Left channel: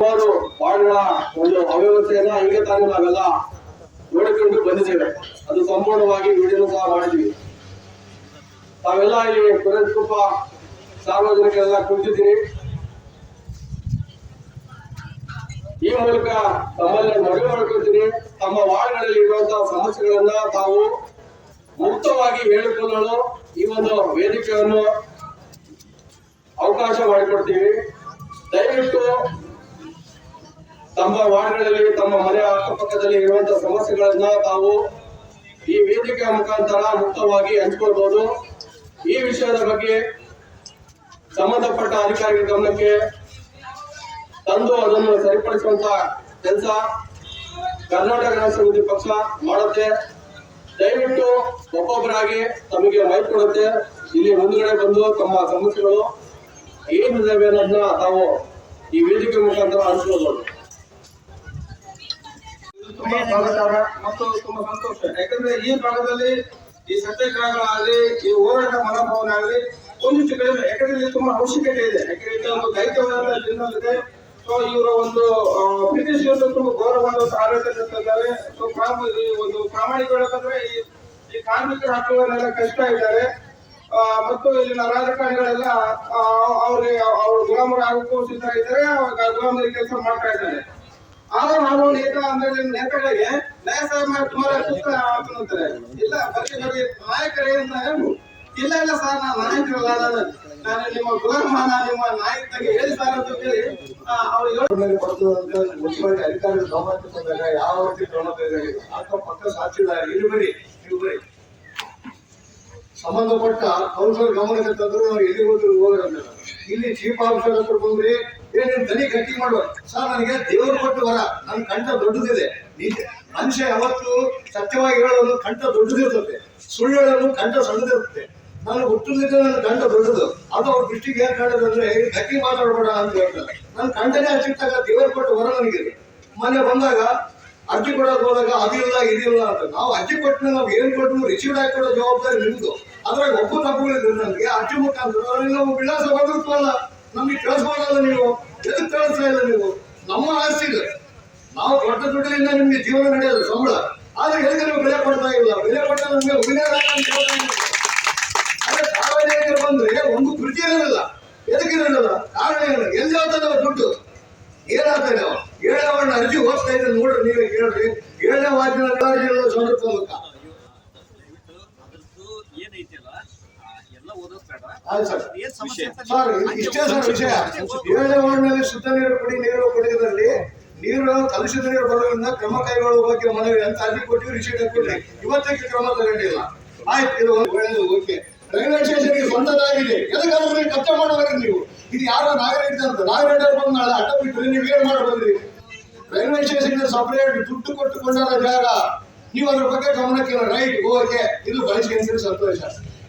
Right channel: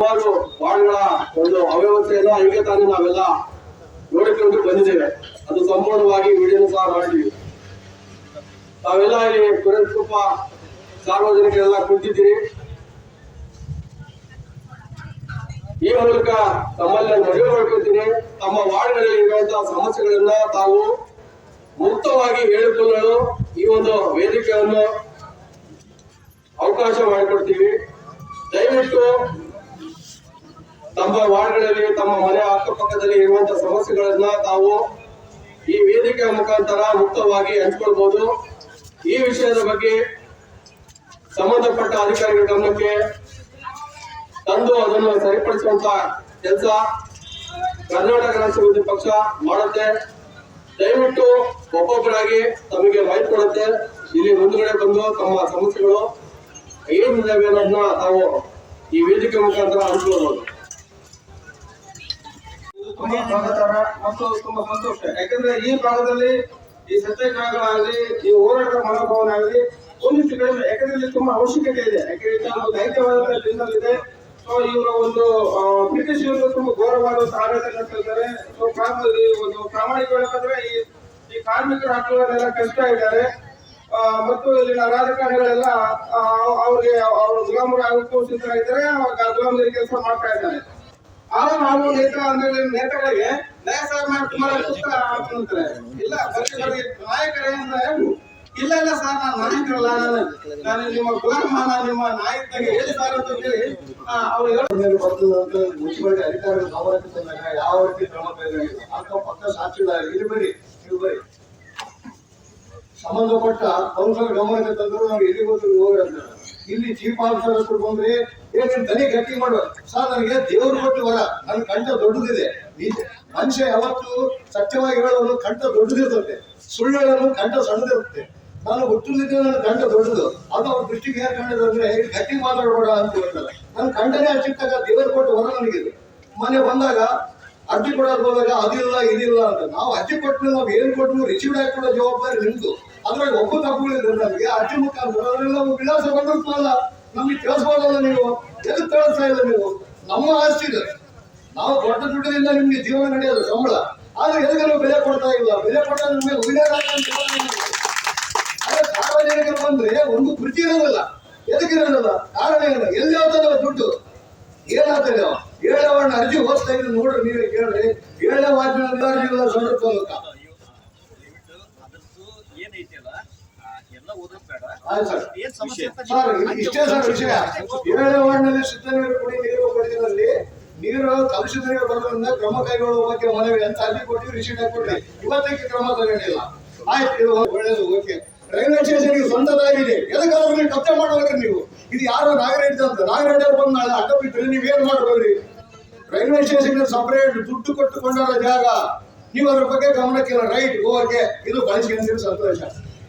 ಸುಮಾರು ವಾರ್ಡ್ಗಳ ಒಂದು ಅವ್ಯವಸ್ಥೆಯನ್ನ ಈಗ ತಾನೇ ನಾವೆಲ್ಲ ನೋಡಿಕೊಂಡು ಬಂದಿದ್ದೇವೆ. ಅದು ಸಂಪೂರ್ಣವಾಗಿ ವಿಡಿಯೋ ಸಹ ಮಾಡಿದ್ವಿ. ತಾವೆಲ್ಲ ಇಲ್ಲಿ ಸ್ವಲ್ಪ ಸಾರ್ವಜನಿಕರೆಲ್ಲ ಕುಂತಿದ್ದೀರಿ. ಈ ಮೂಲಕ ತಮ್ಮಲ್ಲಿ ಮನವಿ ಮಾಡ್ಕೊಳ್ತೀನಿ, ತಮ್ಮ ವಾರ್ಡ್ಗಳಲ್ಲಿ ಇರುವಂತಹ ಸಮಸ್ಯೆಗಳನ್ನ ತಾವು ಮುಕ್ತವಾಗಿ ಹೇಳಿಕೊಳ್ಳಲು ಈ ಒಂದು ವೇದಿಕೆಯನ್ನು ಅವಕಾಶ ಮಾಡಿಕೊಡ್ತೀವಿ. ದಯವಿಟ್ಟು ತಮ್ಮ ವಾರ್ಡ್ಗಳಲ್ಲಿ ತಮ್ಮ ಮನೆ ಅಕ್ಕಪಕ್ಕದಲ್ಲಿ ಇರುವಂತಹ ಸಮಸ್ಯೆಗಳನ್ನ ತಾವು ಈ ವೇದಿಕೆಯ ಮುಖಾಂತರ ಮುಕ್ತವಾಗಿ ಹಂಚಿಕೊಳ್ಬಹುದು. ಈ ವಿಷಯದ ಬಗ್ಗೆ ಸಂಬಂಧಪಟ್ಟ ಅಧಿಕಾರಿಗಳ ಗಮನಕ್ಕೆ ತಂದು ಅದನ್ನು ಸರಿಪಡಿಸುವಂತ ಕೆಲಸ ಕರ್ನಾಟಕ ರಾಷ್ಟ್ರ ವಿರೋಧಿ ಪಕ್ಷ ಮಾಡುತ್ತೆ. ದಯವಿಟ್ಟು ಒಬ್ಬೊಬ್ಬರಾಗಿ ತಮಗೆ ಮೈಕ್ ಕೊಡುತ್ತೆ. ಇಲ್ಲಿ ಮುಂದುಗಡೆ ಬಂದು ತಮ್ಮ ಸಮಸ್ಯೆಗಳು ಏನಿದ್ದಾವೆ ಅನ್ನೋದನ್ನ ತಾವು ಈ ವೇದಿಕೆ ಮುಖಾಂತರ ಹಂಚ್ಕೊಳ್ಬಹುದು. ತುಂಬಾ ಸ್ವಾಗತಾರ್ಹ ಮತ್ತು ತುಂಬಾ ಸಂತೋಷ. ಯಾಕಂದ್ರೆ ಈ ಭಾಗದಲ್ಲಿ ಈ ಸತ್ಯಾಗ್ರಹಗಳಾಗಲಿ, ಈ ಹೋರಾಟ ಮನೋಭಾವನೆ ಆಗಲಿ ಒಂದಿಷ್ಟು ಕಡಿಮೆ. ಯಾಕಂದ್ರೆ ಇಲ್ಲಿ ತುಂಬಾ ಅವಶ್ಯಕತೆ ಇದೆ. ಯಾಕಂದ್ರೆ ಒಂದು ದೈತ್ಯವಾದ ಜನರಲ್ ಇದೆ. ಸೊ ಇವರ ಒಂದು ಬ್ರಿಟಿಷ್ ಇವರು ತುಂಬಾ ಘೋರವಾದ ಆಡಳಿತ ನಡೆಸ್ತಿದ್ದಾರೆ. ಸೊ ಒಂದು ಪ್ರಾಮಾಣಿಕ ಹೇಳಬೇಕಂದ್ರೆ ಈ ಕಾರ್ಮಿಕರ ಹಕ್ಕುಗಳನ್ನೆಲ್ಲ ಕಷ್ಟ ಇದ್ದಾರೆ. ಮತ್ತು ಇಲ್ಲಿನ ರಾಜಕಾರಣಿಗಳೆಲ್ಲ ಅವ್ರಿಗೆ ಅವ್ರ ಗುಲಾಮರು ಆಗೋಕ್ಕೂ ಸಿದ್ಧ ಇದ್ದಾರೆ, ಗುಲಾಮರಿ ಕೆಲಸ ಮಾಡ್ತಾ ಇದ್ದಾರೆ. ಆಗ ನಾವು ನೇತಾಗಳಿಗೆ ನ್ಯಾಯ ಸುಮಾರು ಅಂತಾರೆ. ಇಲ್ಲ ಬರೀ ನಾಯಕರೇ ಇಲ್ಲ ಇಲ್ಲ ಸರ್, ನಾನು ನಾಯಕರಲ್ಲ, ನಾನು ನಿಮ್ಮ ಗುಲಾಮ, ನಿಮ್ಮ ನಾಯಕರಿಗೆ ಹೇಳಿ ಸಾರ್ ಅಂತ ಹೇಳಿ ಅವ್ರು ಮುಖ್ಯವಾಗಿ ಅಧಿಕಾರಿಗಳ ಗಮನಕ್ಕೆ ತಂದಾಗ ಯಾವ ರೀತಿ ಕ್ರಮ ತೆಗೆದಿಲ್ಲ. ಅಕ್ಕಪಕ್ಕ ಸಾಕ್ಷಿದಾರ ಇಲ್ಲಿ ಬರೀ ನೀವು ಬರೀ ಸಂಬಂಧಪಟ್ಟ ಕೌನ್ಸಿಲರ್ ಗಮನಕ್ಕೆ ತಂದ್ರು ನಾವು ಎಲ್ಲಿ ಹೋದ್ರು ಹೋಗ್ತಾರೆ. ಇಲ್ಲಿ ಚೀಫ್ ಆಫೀಸರ್ ಹತ್ರ ಬಂದ್ರೆ ಏನೇನು ದನಿ ಗಟ್ಟಿ ಮಾಡುವ ಸರ್, ನನಗೆ ದೇವರು ಕೊಟ್ಟು ವರ, ನನ್ನ ಕಂಠ ದೊಡ್ಡದಿದೆ. ಮನುಷ್ಯ ಯಾವತ್ತು ಸತ್ಯವಾಗಿ ಹೇಳೋದು ಕಂಠ ದೊಡ್ಡದಿರ್ತದೆ, ಸುಳ್ಳು ಹೇಳೋದು ಕಂಠ ಸಣ್ಣದಿರುತ್ತೆ. ನಾನು ಹುಟ್ಟುತ್ತಿದ್ದೆ ನನ್ನ ಕಂಠ ದೊಡ್ಡದು, ಅದು ಅವ್ರ ದೃಷ್ಟಿಗೆ ಏನ್ ಕಂಡದು ಅಂದ್ರೆ ಗಟ್ಟಿ ಮಾತಾಡ್ಬೇಡ ಅಂತ ಹೇಳ್ತಾರೆ. ನನ್ನ ಕಂಠನೇ ಹಚ್ಚಿಟ್ಟಾಗ ದೇವರು ಕೊಟ್ಟು ವರ ನನಗಿದೆ. ಮೊನ್ನೆ ಬಂದಾಗ ಅರ್ಜಿ ಕೊಡೋದು ಹೋದಾಗ ಅದಿಲ್ಲ ಇದಿಲ್ಲ ಅಂತ. ನಾವು ಅರ್ಜಿ ಕೊಟ್ಟು ನಾವು ಏನ್ ಕೊಟ್ಟು ರಿಸೀವ್ ಆಗಿ ಕೊಡೋ ಜವಾಬ್ದಾರಿ ನಿಮ್ದು. ಅದ್ರಾಗ ಒಬ್ಬ ತಪ್ಪುಗಳಿದ್ರೆ ನನಗೆ ಅರ್ಜಿ ಮುಖಾಂತರ ಅದರಲ್ಲಿ ನಾವು ವಿಳಾಸ ಬಂದಿರ್ತವಲ್ಲ, ನಮ್ಗೆ ತಿಳಿಸ್ಬೋದಲ್ಲ. ನೀವು ಎದಕ್ಕೆ ತಿಳಿಸ್ತಾ ಇಲ್ಲ? ನೀವು ನಮ್ಮ ಆಸ್ತಿ ಇದೆ, ನಾವು ದೊಡ್ಡ ದುಡ್ಡಿನಿಂದ ನಿಮ್ಗೆ ಜೀವನ ನಡೆಯೋದು ಸಂಬಳ. ಆದ್ರೆ ಎದಕ್ಕೆ ನೀವು ಬೆಲೆ ಕೊಡ್ತಾ ಇಲ್ಲ? ಬೆಲೆ ಕೊಟ್ಟ ನಮ್ಗೆ ವಿನಯ ಅದೇ ಸಾರ್ವಜನಿಕರು ಬಂದ್ರೆ ಒಂದು ಕೃತಿ ಇರೋದಿಲ್ಲ. ಎದಕ್ಕೆ ಇರೋದಿಲ್ಲ? ಕಾರಣ ಏನು? ಎಲ್ಲಿ ಹೋಗ್ತದೆ ದುಡ್ಡು? ಏನಾಗ್ತದೆ? 7ನೇ ವಾರ್ಡ್ ಅರ್ಜಿ ಓದ್ತಾ ಇದ್ರೆ ನೋಡ್ರಿ, ನೀವೇ ಕೇಳ್ರಿ. 7ನೇ ವಾರ್ಡಿನ ಅರ್ಜಿ ಎಲ್ಲ ಸಂದರ್ಭ ಇಷ್ಟೇ ಸರ್ ವಿಷಯ. 7ನೇ ವಾರ್ಡ್ನಲ್ಲಿ ಶುದ್ಧ ನೀರು ಕುಡಿ, ನೀರು ಕುಡಿಯೋದ್ರಲ್ಲಿ ನೀರು ಕಲುಷಿತ ನೀರು ಬರೋದ್ರಿಂದ ಕ್ರಮ ಕೈಗೊಳ್ಳುವ ಬಗ್ಗೆ ಮನವಿ ಅಂತ ಅರ್ಜಿ ಕೊಟ್ಟಿವಿ, ರಿಸೀಟ್ ಹಾಕೊಡ್ರಿ. ಇವತ್ತಿಗೆ ಕ್ರಮ ತಗೊಂಡಿಲ್ಲ. ಆಯ್ತು, ಇದು ಒಳ್ಳೇದು, ಓಕೆ. ರೈಲ್ವೆ ಸ್ಟೇಷನ್ಗೆ ಸ್ವಂತದಾಗಿದೆ, ಎದಕ್ಕಾದ್ರೂ ಕಬ್ಜೆ ಮಾಡೋದ್ರಿ ನೀವು. ಇದು ಯಾರೋ ನಾಗರೇಟ್ ಅಂತ ನಾಗರೇಟ್ ಬಂದು ನಾಳೆ ಅಡ್ಡ ಬಿಟ್ಟರೆ ನೀವೇನ್ ಮಾಡ್ಬೋದ್ರಿ? ರೈಲ್ವೆ ಸ್ಟೇಷನ್ ಸಪರೇಟ್ ದುಡ್ಡು ಕೊಟ್ಟುಕೊಂಡಾರ ಜಾಗ, ನೀವು ಅದ್ರ ಬಗ್ಗೆ ಗಮನಕ್ಕಿಲ್ಲ. ರೈಟ್, ಓಕೆ, ಇದು ಬಳಸ್ಕೊಂತೀರಿ, ಸಂತೋಷ.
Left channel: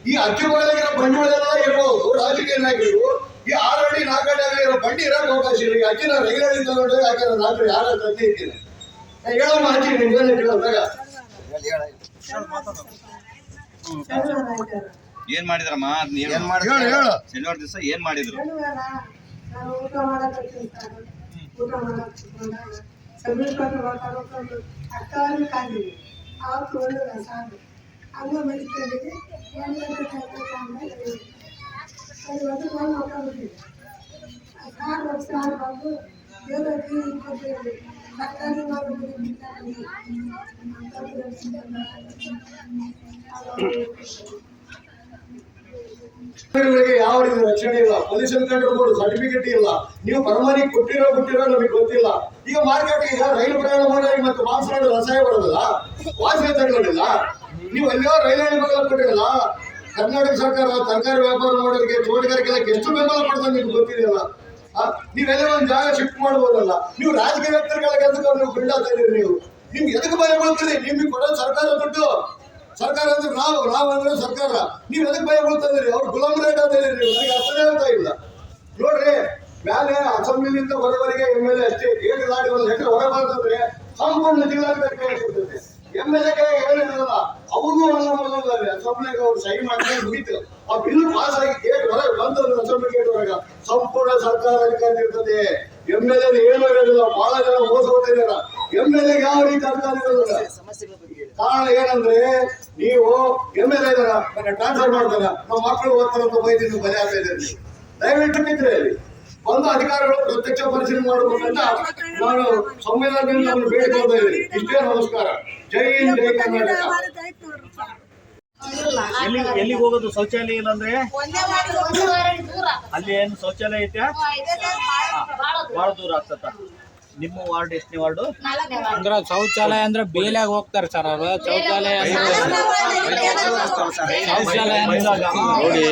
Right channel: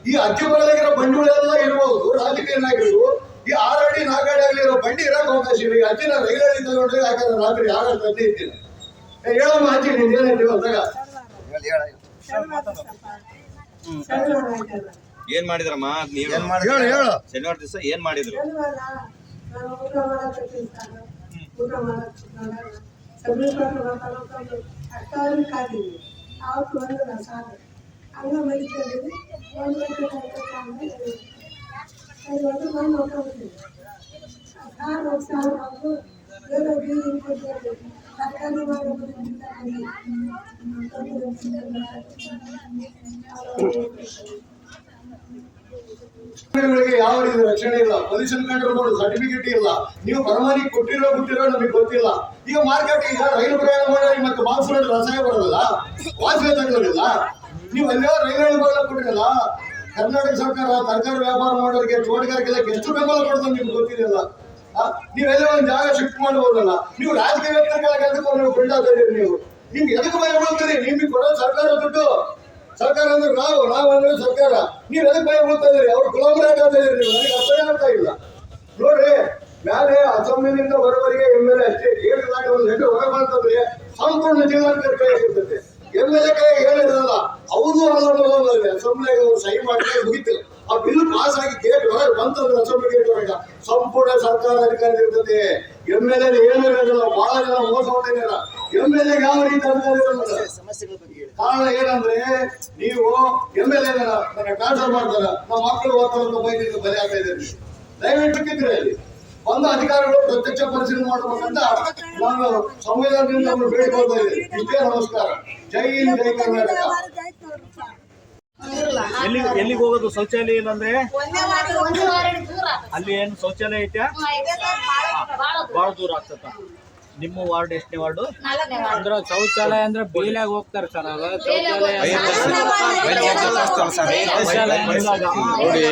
ಈ ಅಜ್ಜಿ ಬಗಲಿಗಿರೋ ಬಂಡಿಗಳೆಲ್ಲ ಇರ್ಬೋದು, ರಾಜಕೀಯ ನಾಯಕರು. ಈ 6 ಅಡಿ 4 ಅಡಿ ಆಗಲಿರೋ ಬಂಡಿ ಇರಕ್ಕೆ ಅವಕಾಶ ಇಲ್ಲ. ಈ ಅಜ್ಜಿನ ರೈಲ್ವೆ ತಗೊಂಡು ಯಾಕಂದ್ರೆ ರಾತ್ರಿ ಯಾರ ತಂದೆ ಇರ್ತೀನಿ ಹೇಳಮ್ಮ ಅಜ್ಜಿ, ನೀನ್ ಏನಿಟ್ಟಿಲ್ಲ ಅಂತಾಗ ಏನ್ ಮಾಡಿದ್ರಮ್ಮ? ಶನಿವಾರ ದಿವಸ ಏನ್ ಮಾಡಿದ್ರು? ಯಾವ ರೀತಿ ರಕ್ಷಣೆ ಇಲ್ಲ, ಪೊಲ್ಯೂಷನ್ ಕಂಟ್ರೋಲ್ ಬೋರ್ಡ್ ಸರ್ಟಿಫಿಕೇಟ್ ಇಲ್ಲ. ನೀವು ಪರಮಾನಿ ಕೊಟ್ಟಿರೋ ನಮಗೆ ಗೊತ್ತಿಲ್ಲ. ಈಗ ಮಾರ್ಕೆಟ್ ಈಗ ರೈಲು ಪ್ರಯಾಣ ಮಾಡಿ ಮತ್ತೆ ಮಾಂಸ ರಸಾಯ ಬರೋದಿಲ್ಲ, ವಾಸನೆ ತಗೊಳ್ಳೋದಿಲ್ಲ. ನೀವು ಎಲ್ಲೋ ರೈಲ್ವೆ ಬೆಂಬಲ ಕೊಟ್ಟಿರಲ್ಲ. ಕರ್ನಾಟಕ ಸರ್ಕಾರ ತರಕಾರಿ ವ್ಯಾಪಾರ ಮಾಡೋರಿಗೆ, ತೋಟಗಾರಿಕೆಲ್ಲ ಎಷ್ಟು ಬೆಂಬಲ ಕೊಡ್ತಾರೆ ನಿಮ್ಗೆ ಗೊತ್ತಿದೆಯಲ್ಲ. ನೀವೆಲ್ಲ ಒಂದು ಜಾಗ ಶಿಫ್ಟ್ ಮಾಡ್ಬೋದಲ್ಲ. ನೀವು ರಾಜಕೀಯ ವ್ಯಕ್ತಿಗಳ ಕೆಲಸಕ್ಕೆ ನೀವು ಬಿಲ್ಡಾಗ್ತಾ ಇದೀರಿ. ನೀವು ನಿಮ್ಗೆ ಎದಕ್ಕೆ ಭಯ ಬೀಳ್ತೀರಿ? ನಿಮ್ಗೆ ಕೊಡೋದು ಸರ್ಕಾರ ದುಡ್ಡು. ಸರ್ಕಾರ ಅಂದ್ರೆ ನಾವು ಅಂದ್ರೆ ಸರ್ಕಾರ. ನೀವ್ ಎದಕ್ಕೆ ಭಯ ಬೀಳ್ತಾ ಇದೀರಿ? ಅವ್ರು ಗುಲಾಮರಾಗ್ತಾ ಇದೀರಿ. ನನಗೆ ಅರ್ಥನೇ ಆಗ್ತಾ ಇಲ್ಲ. ನೋಡ್ರಿ, ಮೇಲೆ ಅಸೆಂಬ್ಲಿನಿಂದ ಬರೋವರೆಗೆ MLA ಅಷ್ಟೇ. 7 ಲಾಟಿ ಒಂದು ಲೆಟರ್ ಹೊರ ಬರ್ತಂದ್ರೆ ಸಂಪೂರ್ಣ ಜಿಲ್ಲಾಧಿಕಾರಿ ಕೈ ಕೊಡ್ತೈತೆ. MLA ಕೈ ಹೇಳಿರಲ್ಲ, ಅವ್ರಿಗೂ ಅಸೆಂಬ್ಲಿಗೆ ಅವ್ರು ಸಹಿ ಮಾಡಿದ್ರೆ ಮುಗಿತು. ಆ ಬಿಲ್ ಪಾಸ್ ಆಗಿ ಗೇಟ್ ಹೊರಗೆ ಬಂತಂದ್ರೆ ಅಸೆಂಬ್ಲಿ ಗೇಟ್ ಹೊರಗ ಸಂಪೂರ್ಣ ಸರ್ಕಾರ ಅಧಿಕಾರಿ ಇರ್ತದೆ. MLA ಏನು ಇರೋದಿಲ್ಲ, ಬಹಳ ಜನ ಮೋಸ ಹೋಗ್ತಾ ಇದಾರ. MLA ಯಾವ ರೀತಿ ಅಧಿಕಾರ ಇರೋದಿಲ್ಲ. ಕಾರಣ ಏನಂದ್ರೆ ನೀವು MLA ಇದಾರ ನನ್ನ ಟ್ರಾನ್ಸ್ಫರ್ ಮಾಡ್ತಾರ, ನಮ್ಮ ಮಕ್ಕಳು ಓದ್ತಾರ ಅಂತ ಬೈದಿದ್ದು ಬಲಿ ಆಗ್ತಾ ಇದ್ದಾರೆ. ದಯವಿಟ್ಟು ಕಿದ್ರೆ ಅಲ್ಲಿ ಬಂದ ಅಧಿಕಾರಿಗಳು ಪ್ರತ್ಯಕ್ಷ ಪರಿಶೀಲನೆ ಮಾಡಬೇಕಂತ ನಾನು ಸಂವಿಧಾನದಿಂದ ಅವ್ರನ್ನ ಬೇಡಿಕೊಳ್ತಾ ಇದ್ದೀನಿ. ಇಷ್ಟೇ, ನಮಸ್ಕಾರ. ಜೈ ಹಿಂದ್, ಜೈ ಕರ್ನಾಟಕ. ಎಲ್ಲಿಗೆ ಹೋಗೋದು? ಶೌಚಾಲಯ ಇಲ್ಲ ಅಂದ್ರೆ ಅಲ್ಲಿ ಏನು ಶೌಚಾಲಯ ಐತೆ? ಬಹಳ ದೂರ ಆಗ್ತದ. ನಿಮ್ಮ ವಾರ್ಡ್ ಎಷ್ಟನೇ ವಾರ್ಡು? ಅಂದ್ರೆ ಶೌಚಾಲಯ ಅಂದ್ರೆ ಬೇಲಾಗ ಹೋಗ್ತಾರೆ ಸರ್ ಅವರು. ನೋಡಿ,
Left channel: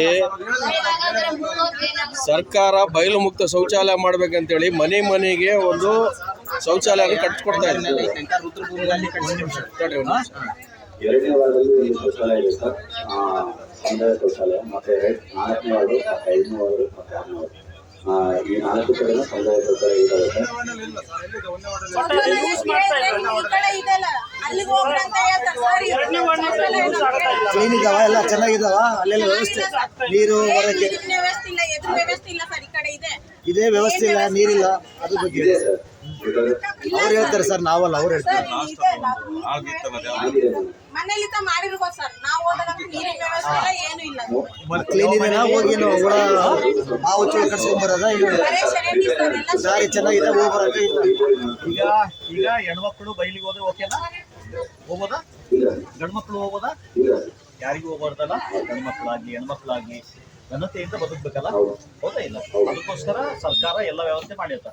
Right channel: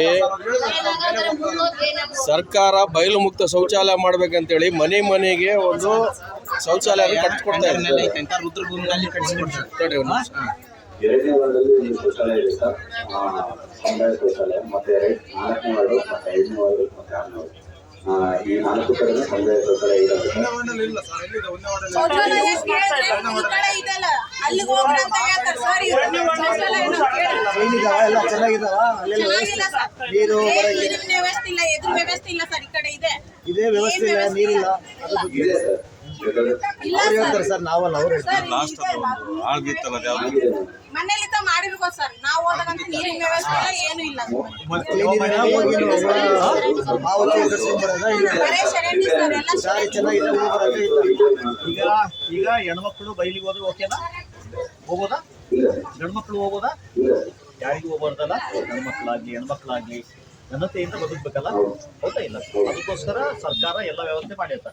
ಸರ್ಕಾರ ಬಯಲು ಮುಕ್ತ ಶೌಚಾಲಯ ಮಾಡ್ಬೇಕಂತೇಳಿ ಮನೆ ಮನೆಗೆ ಒಂದು ಶೌಚಾಲಯ ಕಟ್ಕೊಡ್ತಾ ಇದೆ. ಎರಡನೇ ವಾರ್ಡಲ್ಲಿ ಒಂದು ಶೌಚಾಲಯ ಇದೆ ಸರ್, ಸಮುದಾಯ ಶೌಚಾಲಯ. ಮತ್ತೆ 4ನೇ ವಾರ್ಡು, ಮತ್ತೆ 5ನೇ ವಾರ್ಡು, ಮತ್ತೆ 6ನೇ ವಾರ್ಡು, ಈ 4 ಕಡೆ ಸಮುದಾಯ ಶೌಚಾಲಯ ಇದಾವೆ ಸರ್. ಕ್ಲೀನ್ ಇದಾವ, ಎಲ್ಲ ಚೆನ್ನಾಗಿದಾವ, ಅಲ್ಲೆಲ್ಲ ವ್ಯವಸ್ಥೆ, ನೀರು ಇದೇ ವ್ಯವಸ್ಥೆ ಇಲ್ಲ, ನೀರಿಲ್ಲ. ಅದ್ರ ಬಗ್ಗೆ ಇದೆ ಸರ್, ಅವ್ರು ಹೇಳ್ತಾರೆ ಸರ್, ನಾವಲ್ಲ ಅವ್ರು ಹೇಳ್ತಾರೆ. ಮನೇಲಿ ಮಾಡಿರ್ಬೋದು ಸರ್, ನಾವು ಹೋದಾಗಂತೂ ನೀರಿನ ವ್ಯವಸ್ಥೆ ಇಲ್ಲ, ಏನು ಇಲ್ಲ. ಕ್ಲೀನ್ ಇದೆ, ಹೋಗಿ ಮಾವು ಕಟ್ಸ್ಕೊಂಡ್ಬರೋದ, ದಾರಿ ಚೆನ್ನಾಗಿದೆ, ಹೋಗಿ ಬರೋದು. ಈಗ ಹೆಣ್ಮಕ್ಳು ಬೈಲಿಗೆ ಹೋದ್ರೆ ಓಕೆನಾ? ಹೋಗೋದಾ? ಗಂಡ್ಮಕ್ಳು ಹೋಗೋದಾ? ಯಾರಿಗೂ ಹೋಗ್ಬಾರ್ದಲ್ಲ. ಗಂಡ್ಮಕ್ಳಾಗ್ಲಿ ಹೆಣ್ಮಕ್ಳಾಗ್ಲಿ ಘನತೆಯಿಂದ ಬದುಕ್ಬೇಕಲ್ಲ, ಹೌದಾ ಇಲ್ಲ? ಅದಕ್ಕೋಸ್ಕರ ಸರ್ಕಾರ ಎಲ್ಲ ವ್ಯವಸ್ಥೆ ಮಾಡಿರ್ತಾ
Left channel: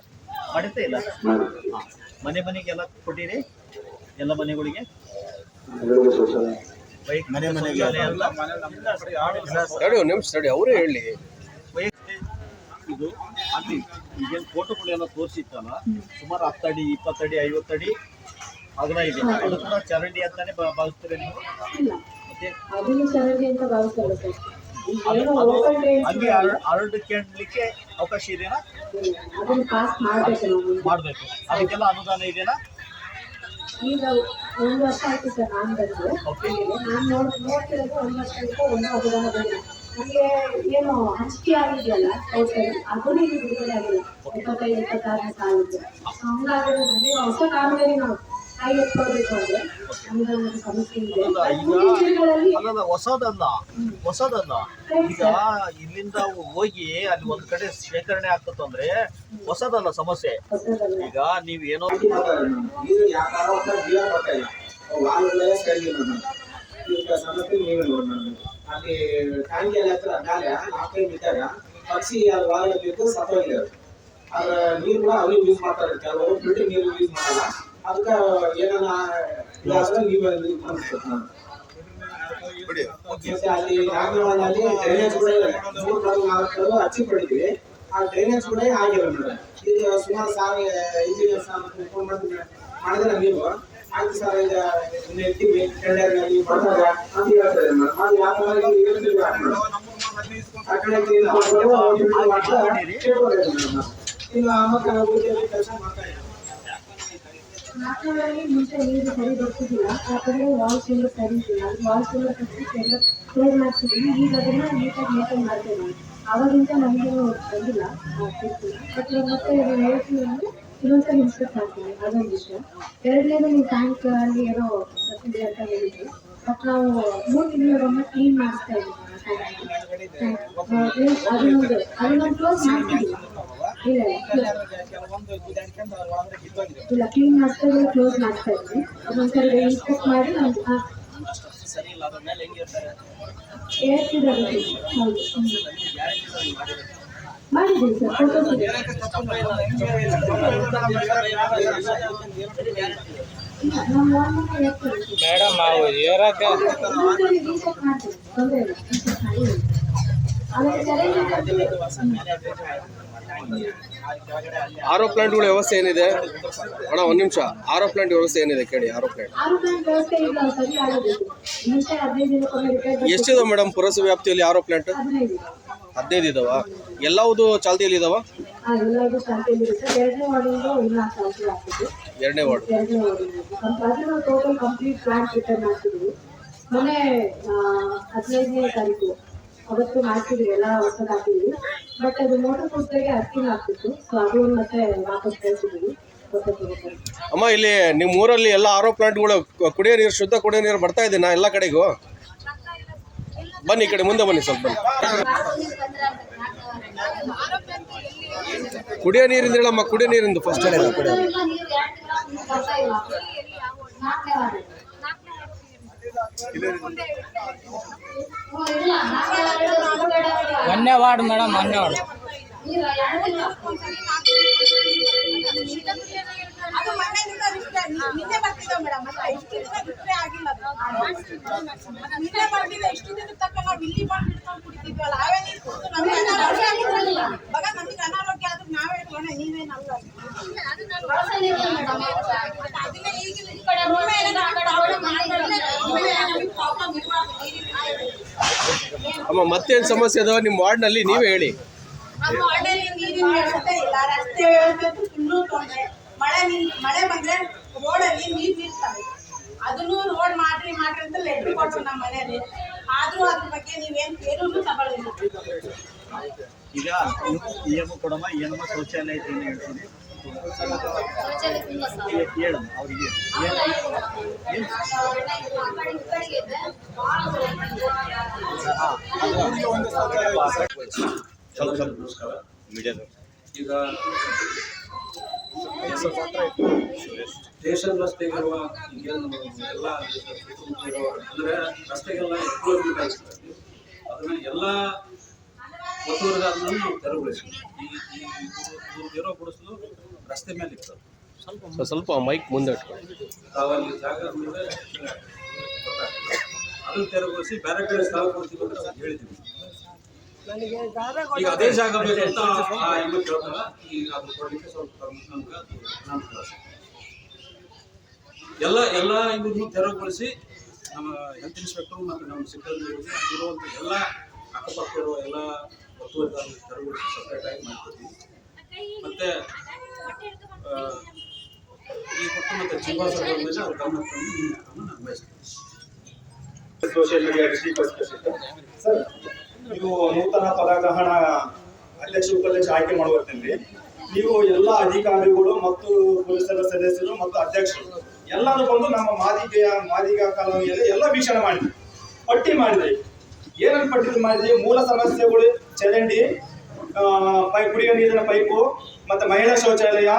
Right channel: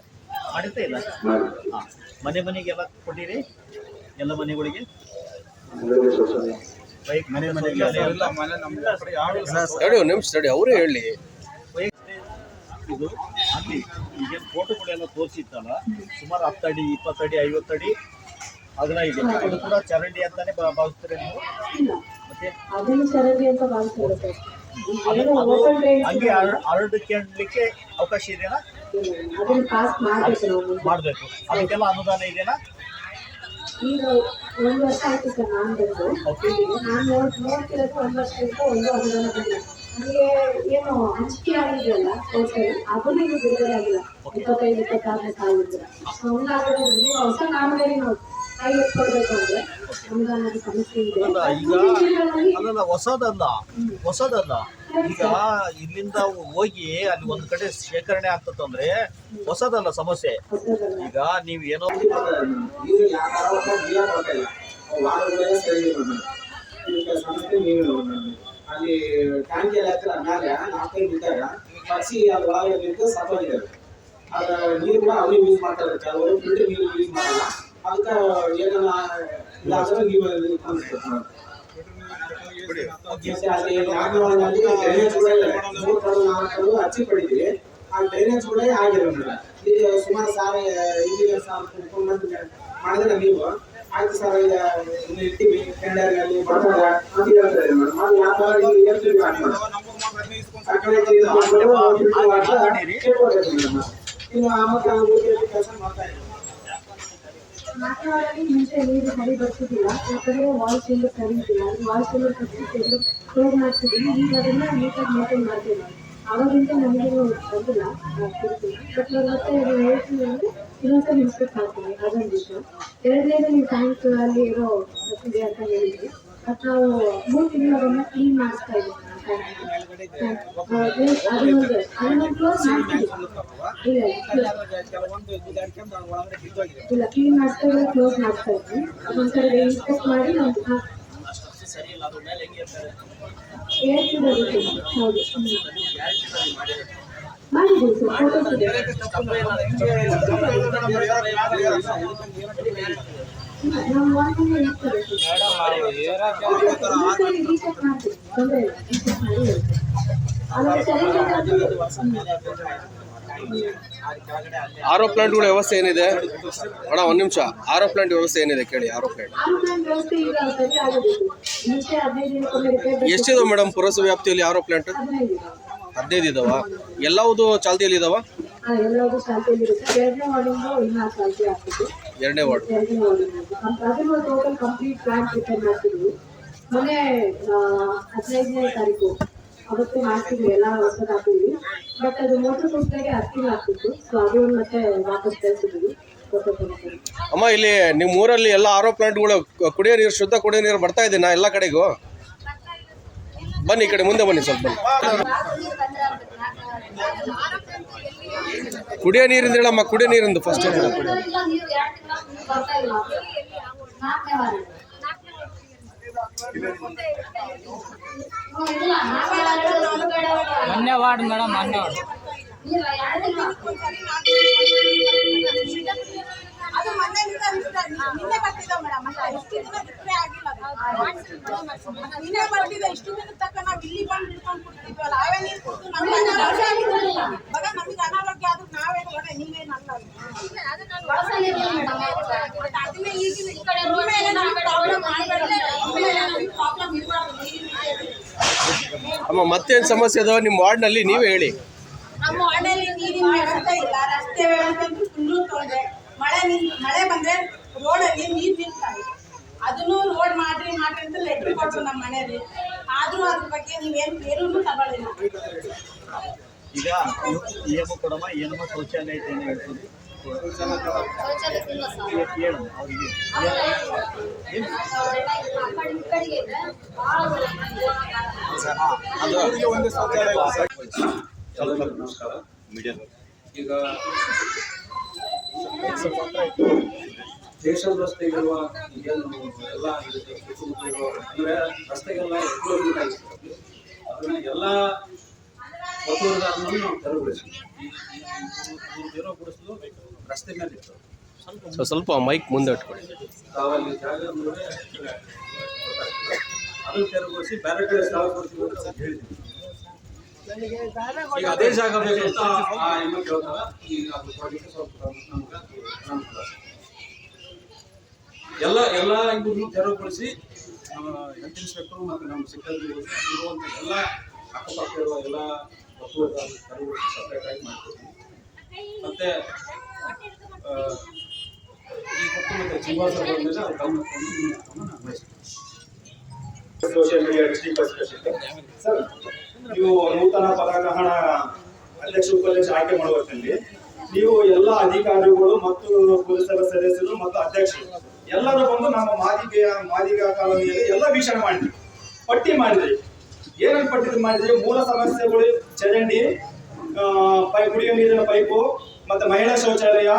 ಇಲ್ಲ. ಹಾ, ಮನೆಗೆಲ್ಲ ಕೊಟ್ಟಿರಿ, ಎಲ್ಲ ಮನೆಗಳಿಗೆ ಹೇಳಿ, ಒಂದು ನಿಮಿಷ ತಡಿ, ಅವರೇ ಹೇಳಿ. ಇದು ಅಲ್ಲಿ ಈಗೇನು ಫೋಟೋಗಳೆಲ್ಲ ತೋರಿಸಿತ್ತಲ್ಲ, ಸುಮಾರು 10 ಅಡಿ 20 ಅಡಿ 50 ಅಡಿ ಅಗಲ ಇದೆ. ಅದು ಕೂಡ ಚರಂಡಿ ಅಂತಾನೆ ಭಾವಿಸ್ತಾರೆ ನೀವು? ಮತ್ತೆ ಹಂಗೆ ಹರಡ್ಲಿಕ್ಕೆ ಅವಕಾಶ ಇದೆಯಾ? ಮಾಡ್ಬೇಕು. ಅದಕ್ಕೆಲ್ಲ ಅನುದಾನ ಇದೆಯಾ? ಈಗ 1 ವರ್ಷ ಆಯ್ತು ಸರ್ ನಾನು ಬಂದು. ನಾನು ನೋಡ್ತಿರೋದು 1 ವರ್ಷದಿಂದ ಒಂದು ಅನುದಾನ ಬಂದ. ನನಗೆ ಏನು ಹಂಚಿಕೆ ಆಗಿದೆಯಲ್ಲ ಅದನ್ನು ಈಗ ಬಿಡುಗಡೆ ಆಗಿಲ್ಲ. 25-26 ಸಾಲಿದ್ರೆ ಹಂಗಾದ್ರೆ ನನಗೆ ಹೊಸ ಕಾಮಗಾರಿ ನಾವು ಕೈ ಎತ್ಕೊಳ್ಬೇಕು ಅಂದ್ರೆ ಅನುದಾನದ ಸಮಸ್ಯೆ ಇದೆ. ಅಲ್ಲಲ್ಲ, ಹೊಸದಲ್ಲ. ಈಗ ಇಲ್ಲಿಂದ ಹೋಗಿ ಅಲ್ಲಿ ಒಂದ್ ಕಡೆ ಶೇಖರಣೆ ಆಗ್ತದಂದ್ರೆ ಹೊಸದಲ್ಲ ಸಮಸ್ಯೆ. ಈಗ ನೀವ್ ಏನೋ ನೀರು ಯಾವ ಜಿಲ್ಲಾ ಬರ್ತಾ ಇಲ್ಲ, ವಾರಗಳೇ ಸರಿ ಸಮಸ್ಯೆ ನೀವೇ ನೋಡಿ. ಅಲ್ಲಿ ಟ್ಯಾಂಕಿ ಎಲ್ಲ ಹತ್ರ ಮೇಲೆ 4 ಬಿದ್ದಾಗ ಪಕ್ಷಿ ಅಲ್ಲಿ ಒಳಗೆ ಬಿದ್ದು ಸತ್ತೋಗಿದ್ದಾರೆ. ಅದ್ರ ನೀರು ಕೂಡ ಅವ್ರು ಯೂಸ್ ಮಾಡ್ತಾರೆ, ಕೆಲವರು ಫಿಲ್ಟರ್ ನೀರು ಯೂಸ್ ಮಾಡಲ್ಲ. ಅದಕ್ಕೆ ಏನಾರ ಇದಾದ್ರೆ ನೀವು ಮತ್ತೆ ಅಲ್ಲಿ ನಾಗರವಾಡಲ್ಲಿ ಡ್ರೈನೇಜ್ ಕೂಡ 3 ಕಡೆ 4 ಕಡೆ ಹಚ್ಚಿ ಪಡಿದ್ವಿ. ಆ ಡ್ರೈನೇಜ್ ಕೂಡ ಆಗಿರೋ ಮೇಡಮ್. ಈಗ ಸುಮಾರು ಸಾರಿ ಇಂಜಿನಿಯರ್ ಮಾಡಿದ್ರೆ ನೀವು ಆಯ್ತು ಸರ್, ಈಗ ಇನ್ನು ಇರ್ತೀವಿ ಟೆಂಡರ್ನಲ್ಲಿ ಬರ್ತಾರ ಅಂತ ಹೇಳ್ತಾರೆ ಮೇಡಮ್. ಅದು ಯಾವ ಥರ ಹೇಳ್ತೀವಿ ಆ ಕಡೆ ಇನ್ನು ಆಮಕ್ಕ ಕೆಲಸ ಮಾಡ್ತಾ ಇದ್ದಾರೆ. ನಾಲ್ಕನೇ ಮುಂಚೆ ನೀರು ಸರಿ ಬರ್ತಿದ್ದಿಲ್ಲ, ಯಾಕಂದ್ರೆ ವಾಲ್ಸ್ ಎಲ್ಲ ಸರಿ ಇದ್ದಿಲ್ಲ. ವಾಲ್ಸ್ ಎಲ್ಲ ಕಟ್ಟಿ ಎಲ್ಲ ಕ್ಲೋಸ್ ಮಾಡ್ತಿದ್ವಿ. ಈಗ ಅದನ್ನ ನೀಟಾಗಿ ಮೇಂಟೈನ್ ಮಾಡ್ತೀವಿ ನಾವು. ಅವಾಗಿಂತ ನಮಗೇನು ಬಂದಿಲ್ಲ, ಬಟ್ ಮತ್ತೆ ಹೇಳ್ತೀವಿ ಅಂದರೆ ಇನ್ನೊಂದ್ಸಲ ಇನ್ಸ್ಪೆಕ್ಟ್ ಮಾಡ್ತೀವಿ. ಅದೊಂದು ವಿಷಯ. ಎರಡನೇದು ನೀವು ಟ್ಯಾಂಕ್ ಅಲ್ಲಿ ಏನೋ ಬರ್ತಿದೆ ಅಂತ ಹೇಳಿದ್ವಿ, ಬಟ್ ನಾವು 3 ತಿಂಗಳಿಗೊಮ್ಮೆ ಕ್ಲೀನ್ ಮಾಡಿಸ್ತಾ ಇದ್ದೀವಿ. ಅದನ್ನೊಂದು ಕ್ಲೋಸ್ ಮಾಡ್ತೀವಿ. ಇಲ್ಲ, ಕ್ಲೀನ್ ಮಾಡಿಸ್ತಾ ಇದ್ರೆ ಕ್ಲೋಸ್ ಮಾಡ್ತಾ ಇದ್ವಿ. ಅದೊಂದ್ಸರಿ ಇನ್ಸ್ಪೆಕ್ಟ್ ಮಾಡಿ ನಮ್ಗೆ ಹೇಳ್ತಿದ್ದಾರೆ. ಹೌದು, ಮಾಡಿದ್ದೀವಿ ಸರ್, ಫೋಟೋಸ್ ಇದೆ. ನಮ್ಮ ವಾರ್ಡ್ನಲ್ಲಿ ಹೇಳ್ತಾರೆ ರೀಸೆಟ್ ಮಾಡ್ತೀವಿ, ತೊಂದರೆ ಇಲ್ಲ. ರೀಸೆಟ್ ಮಾಡಿ ಆಮೇಲೆ ಚರಂಡಿ ಆರೋ ಪ್ಲಾಂಟ್ಗಳ ವ್ಯವಸ್ಥೆ ಏನಿದೆ ಅಣ್ಣ? 1 ನಿಮಿಷ. ಆರೋ ಪ್ಲಾಂಟ್ ವ್ಯವಸ್ಥೆ ಏನಿದೆ ಕೇಳಿ. ಆರೋ ಪ್ಲಾಂಟ್ ವ್ಯವಸ್ಥೆ ಈಗ ಸರಿ ಆಗೋದಿಲ್ಲ. ಮುಂಚೆ 15 ದಿನಕ್ಕೊಮ್ಮೆ ರಿಪೇರ್. ಎಷ್ಟಿದಾವೆ ಮೇಡಮ್ ಪುರಸಭೆ ವ್ಯಾಪ್ತಿಯಲ್ಲಿ ಆರೋ ಪ್ಲಾಂಟ್? 15 ಇದಾವ. ಎಲ್ಲವುದು ಚಾಲ್ತಿಯಲ್ಲಿ ಇದಾವ? ಎಲ್ಲರಿಗೂ ಚಾಲ್ತಿಯಲ್ಲಿ ಇರುತ್ತೆ. 2ನೇ ವಾರ್ಡಿಂದು ಇನ್ನೂ ಚಾಲ್ತಿ ಆಗ್ತಿದೆ. 2ನೇ ವಾರ್ಡ್ ಅದನ್ನು ಟೋಟಲ್ ಕಂಪ್ಲೀಟ್ ಪ್ಲಾಂಟ್ ರಿಪೇರ್ ಮಾಡ್ತಿದ್ವಿ. ಮೊನ್ನೆ 15ನೇ ತಾರೀಕು ಅವತ್ತು ಮಾಡ್ತಿದ್ವಿ ಎಲ್ಲ ಹೊಸದು ಹಾಕಿದ್ವಿ. ಬಟ್ ಅದು ಮೋಟರ್ ಪೋಸ್ಟ್ಗೆ 10 ತಿಂಗಳು ಆಗ್ತಿತ್ತು. ಸೊ ಅದು ಮತ್ತೆ ವಾಪಸ್ ಕಳಿಸಿದ್ವಿ. ಅಮ್ಮ, ಇಲ್ಲಿ ನಿಮ್ಮ ಊರಲ್ಲಿ ಎಲ್ಲ ಆರೋ ಪ್ಲಾಂಟ್ಗಳು ಕುಡಿಯೋ ನೀರು, ಶುದ್ಧ ಕುಡಿಯೋ ನೀರು ಬರ್ತಾ ಇದೆನಾ ಎಲ್ಲ ಕಡೆಗೂ? ಬನ್ನಿ ಈ ಕಡೆ ಮುಂದೆ ಬನ್ನಿ ಸ್ವಲ್ಪ. ಬನ್ನಿ. ಕುಡಿಯೋ ನೀರಿಂದ ಹೇಳಮ್ಮ, ಕುಡಿಯೋ ನೀರಿಂದು ಫಸ್ಟ್ ಹೇಳಿ. ಮೊನ್ನೆ ವಾರ್ಡ್ ಮೇಡಮ್, ಮೊನ್ನೆ ವಾರ್ಡ್ ಅದು ಮನೆಯಿಂದ ನಿನ್ನೆ ಬರ್ತಿದ್ದ ಮೇಡಮ್. ಇಷ್ಟು ದಿನ ರಿಪ್ಲೈ ಆಗಿಲ್ಲ. ನಿನ್ನೆ ಬರ್ತಿದ್ದ, ಇಷ್ಟು ದಿನ ತಕ್ಕ ನಾವು ಇಲ್ಲಿ ಬಂದು ಹಿಡ್ಕೊಂಡು ಕುಡಿತಿದ್ವಲ್ಲ, ಅವೇ ನೀರು ಕುಡಿದು ನಮ್ಗೆ ಅನಾರೋಗ್ಯ ಆಗಿರಲಿಲ್ಲ. ಇವಾಗ ನಮಗೆ ಅನಾರೋಗ್ಯ ಆದ್ರೂ ನಾವೇ ಹೊಣೆ, ನೀವೇನಲ್ಲ. ಅದನ್ನ ಈಗಿನ ಪ್ರಾಬ್ಲಮ್ ಇರಬಾರ್ದು. ಅಮ್ಮ, ಮತ್ತೇನು ಸಮಸ್ಯೆ ಅದಾವ ನಿಮ್ಮ ವಾರ್ಡ್ನಲ್ಲಿ ನೀವೇ ಹೇಳಿ. ನಮ್ಮ ವಾರ್ಡಲ್ಲಿ ನೀರಿನ ವ್ಯವಸ್ಥೆ ಇಲ್ಲ, ರಸ್ತೆ ವ್ಯವಸ್ಥೆ ಅಂತೂ ಫುಲ್ಲು ತೊಂದರೆ. ಮಳೆ ಬಂದ್ರೆ ರೋಡಲ್ಲಿ ನೀರು ನಿಲ್ತಾರೆ. ಅದನ್ನು ರೋಡ್ ಮಾಡ್ರಿ ಅಂತ ಲೆಟ್ರ್ ಕೊಟ್ಟರು ನಮ್ಮ ಮನೆಯಲ್ಲಿ. ಆದ್ರೂ ಅದ್ರ ಬಗ್ಗೆ ನೀವೇನು ಏನೂ ತಗೊಳ್ಳಿಲ್ಲ. ಈಗ ಏನಮ್ಮ ಕೊಡಮ್ಮ, ಏನಮ್ಮ ಶೌಚಾಲಯ ಐತೆ ಅಂತ ಹೇಳ್ತೀನಿ. ಹೇಳಮ್ಮ ಅವ್ರಿಗೆ ನಮಸ್ಕಾರ. ಈಗ ದೇಶದ ರಸ್ತೆಗಿರುವ ಏನು ಎಲ್ಲ ಅಂದರೆ ರಸ್ತೆಗೆಲ್ಲ ಎಕ್ಸ್ಪ್ಲೋರ್ಮೆಂಟ್ ಆಗಿರ್ತದೆ. ಅದನ್ನ ಎಲ್ಲ ಒತ್ತುವರಿದಾರನನ್ನು ನಾವು ತೆರವುಗೊಳಿಸಿದ್ವಿ. ಇವ್ರದ್ದಿರೋ ಗುಡಿಸಲು ರಸ್ತೆ ಮೇಲೆ ಇರ್ತದೆ. ಸ್ವಲ್ಪ ಮೈಕ್ ಮುಂದೆ ಇಟ್ಕೊಳ್ಳಿ. ತಾವಲ್ಲಿ ಜಾಗ ನೋಡಿದ್ರೆ ಗೊತ್ತಾಗ್ತದೆ. ಅದನ್ನು ತೆರವುಗೊಳಿಸಿ ಬೇರೆ ಕಡೆ ಸ್ಥಳ ಕೊಡ್ತೀವಿ ಅಂತ ಅವ್ರು ಹೇಳಿದ್ವಿ. ಈಗ ಅದೇ ಜಾಗ ಬೇಕಂತ ಆ ಎಮ್ಮ ಕೇಳ್ತಾರ. ಈಗ ಅದು ಕೊಡಲಿಕ್ಕೆ ಸ್ವಲ್ಪ ನಮ್ಗೆ ಅನಾನುಕೂಲ. ಎಲ್ಲ ಇವ್ರನ್ನು ತೆರವುಗೊಳಿಸಿ ನಮ್ಮ ಹೆಲ್ತ್ ಇನ್ಸ್ಪೆಕ್ಟರ್ ಮತ್ತು ನಮ್ಮ ಸಿಬ್ಬಂದಿ ಇರುವಂಥ ಎಲ್ಲ ಅಕ್ಕಪಕ್ಕ ಇರುವ ಎಲ್ಲ ಒತ್ತುವರಿದಾರರು ತೆರವುಗೊಳಿಸಿ ಸಪ್ರೇಟಾಗಿ ಮಾಡ್ಕೊತೀವಿ. ಮತ್ತು ಈ ಕೊಟ್ಟು ಮತ್ತು ಜೀವಾಸ ಬಂದಮೇಲೆ ಅವ್ರ ಗಮನ ತಂದು ಈ ಕ್ರಮ ನಾವು ವಹಿಸ್ತೀವಿ. ಸೋಷಿಯಲ್ ಮೀಡಿಯಾ ಸರ್, ನೀವು ನೂತನ ಪದಗ್ರಹಣ ಅಧ್ಯಕ್ಷ ಉಪಾಧ್ಯಕ್ಷ ಆಯ್ಕೆ ಮಾಡುವಲ್ಲಿ ನೀವು ಎಲ್ಲ ಅಧಿಕಾರಿಗಳು ಮತ್ತು ಪೊಲೀಸರ ಸದಸ್ಯರು ಮತ್ತು ಅಧ್ಯಕ್ಷರು ಎಲ್ಲರೂ ಬಂದು ನಮ್ಮ ಮಾದಿಗ ಕಾಲೋನಿಯಲ್ಲಿ ಎಲ್ಲ ವೀಕ್ಷಣೆ ಮಾಡಿದ್ವಿ, ಪಟ್ಟಿ ಮಾಡಿದ್ರಿ. ಏನನ್ನು ಪಟ್ಟಿ ಮಾಡಿದ್ರಿ? ಮೂಲ ಸಮಸ್ಯೆಗಳು ಚರಂಡಿ, ಕುಡಿಯುವ ನೀರಿನ ಪೈಪು ಮತ್ತು ಮಹಿಳಾ ಶೌಚಾಲಯ.